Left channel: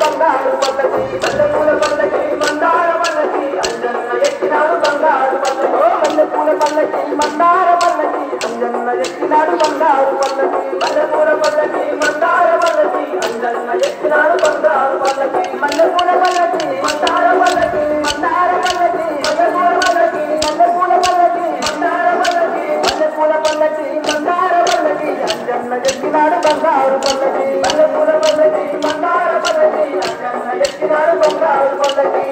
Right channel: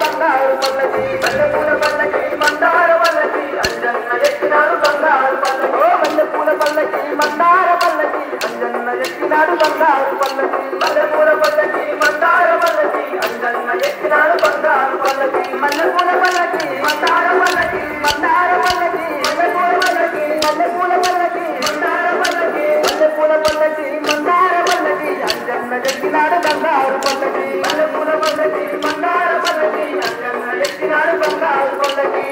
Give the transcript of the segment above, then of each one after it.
బంగారు పల్లకి మల్లెపూల పల్లకి మందార పల్లకి అంజన్న ఎక్కినాడు బంగారు పల్లకి మల్లెపూల పల్లకి మందార పల్లకి అంజన్న ఎక్కినాడు బంగారు పల్లకి మల్లెపూల పల్లకి మందార పల్లకి అంజన్న ఎక్కినాడు బంగారు పల్లకి మల్లెపూల పల్లకి మందార పల్లకి మందార పల్లకి మల్లెపూల పల్లకి మల్లెపూల పల్లకి మందార పల్లకి మల్లెపూల పల్లకి మందార పల్లకి అంజన్న ఎక్కినాడు బంగారు పల్లకి మల్లెపూల పల్లకి మందార పల్లకి అంజన్న ఎక్కినాడు బంగారు పల్లకి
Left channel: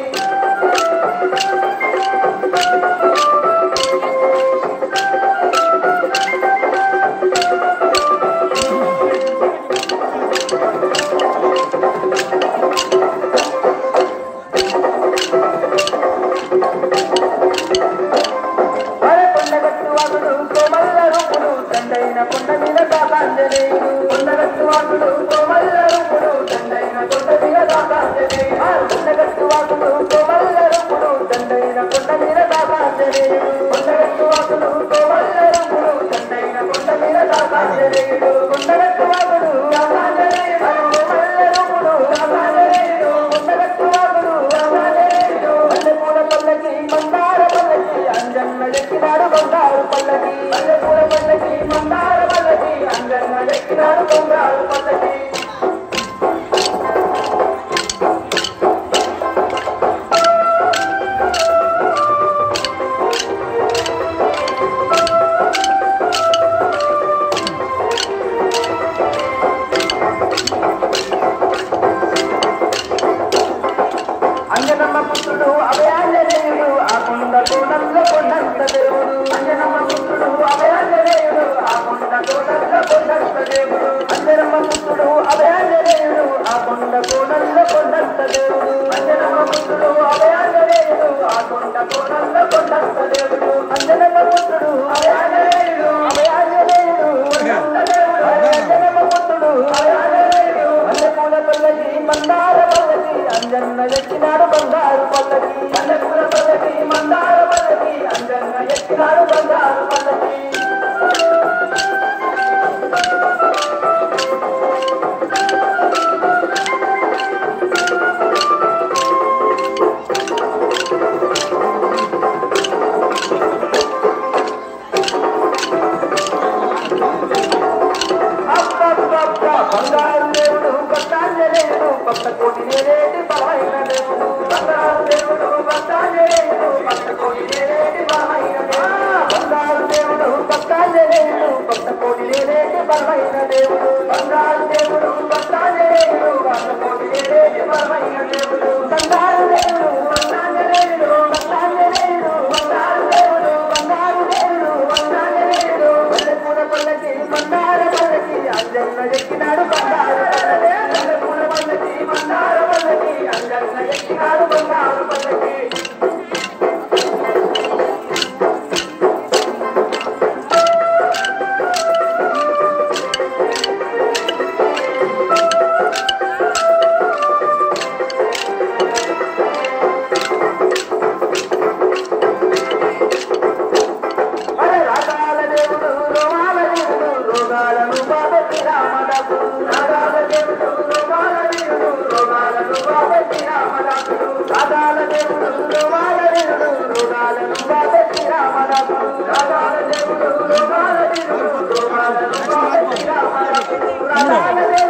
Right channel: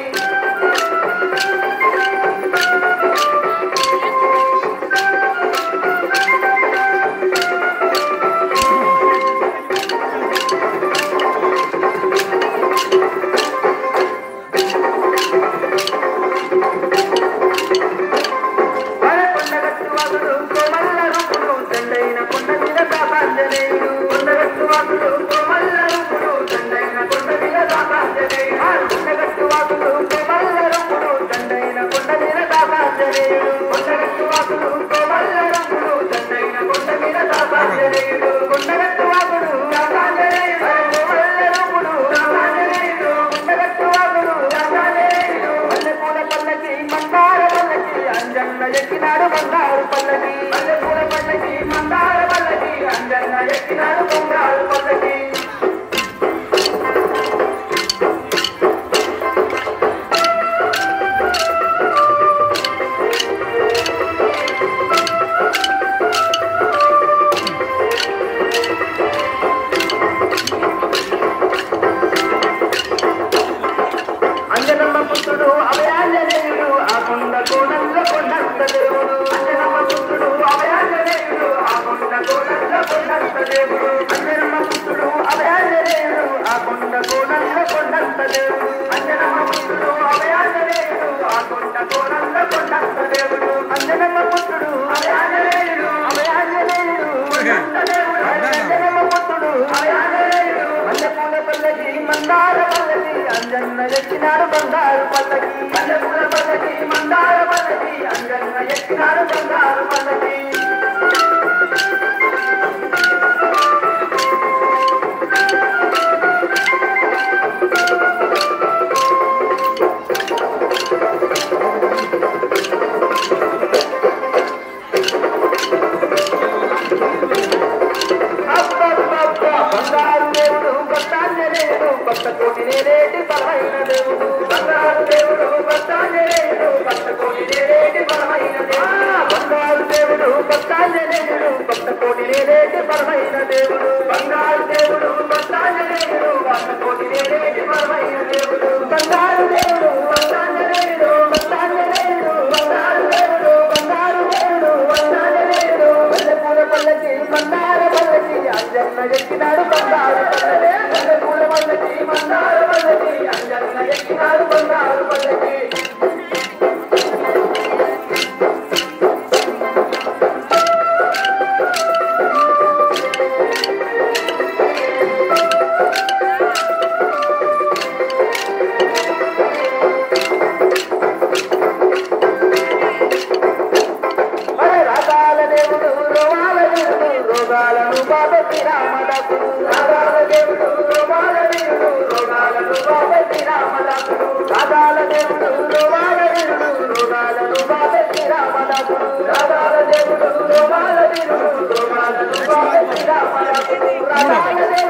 ఎక్కినాడు బంగారు పల్లకి మల్లెపూల పల్లకి మందార పల్లకి అంజన్న ఎక్కినాడు బంగారు పల్లకి అంజనమ్మ పుత్రుడు అభయాంజనేయుడు ఆ కొండ కోణంలో కొండంత దేవుడు అంజనమ్మ పుత్రుడు అభయాంజనేయుడు ఆ కొండ కోణంలో కొండంత దేవుడు అంజనమ్మ పుత్రుడు అభయాంజనేయుడు ఆ కొండ కోణంలో కొండంత దేవుడు అంజనమ్మ పుత్రుడు అభయాంజనేయుడు ఆ కొండ కోణంలో కొండంత దేవుడు అంజనమ్మ పుత్రుడు అభయాంజనేయుడు అభయాంజనేయుడు కొండంత దేవుడు అంజనమ్మ పుత్రుడు అభయాంజనేయుడు మల్లెపూల పల్లకి మందార పల్లకి అంజన్న ఎక్కినాడు బంగారు పల్లకి మల్లెపూల పల్లకి మందార పల్లకి అంజన్న ఎక్కినాడు బంగారు పల్లకి బంగారు దేవుడు భక్తాంజనేయుడు భక్త కోటి నేరేటి బలమైన దేవుడు బంగారు దేవుడు భక్తాంజనేయుడు భక్త కోటి నేరేటి బలమైన దేవుడు బంగారు దేవుడు భక్తాంజనేయుడు భక్త కోటి నేరేటి బలమైన దేవుడు బంగారు దేవుడు భక్తాంజనేయుడు భక్త కోటి నేరేటి బలమైన దేవుడు బంగారు దేవుడు భక్తాంజనేయుడు భక్తాంజనేయుడు బంగారు దేవుడు బంగారు దేవుడు భక్తాంజనేయుడు మల్లెపూల పల్లకి మందార పల్లకి అంజన్న ఎక్కినాడు బంగారు పల్లకి మల్లెపూల పల్లకి మందార పల్లకి అంజన్న ఎక్కినాడు బంగారు పల్లకి రాగాల దేవుడు రోగాల దేవుడు రోగాలను బాబతి రామదాసు రాగాల దేవుడు రోగాల దేవుడు రోగాలను బాబతి రామదాసు రాగాల దేవుడు రోగాల దేవుడు రోగాలను బాబతి రామదాసు రాగాల దేవుడు రోగాల దేవుడు రోగాలను బాబతి రామదాసు రాగాల దేవుడు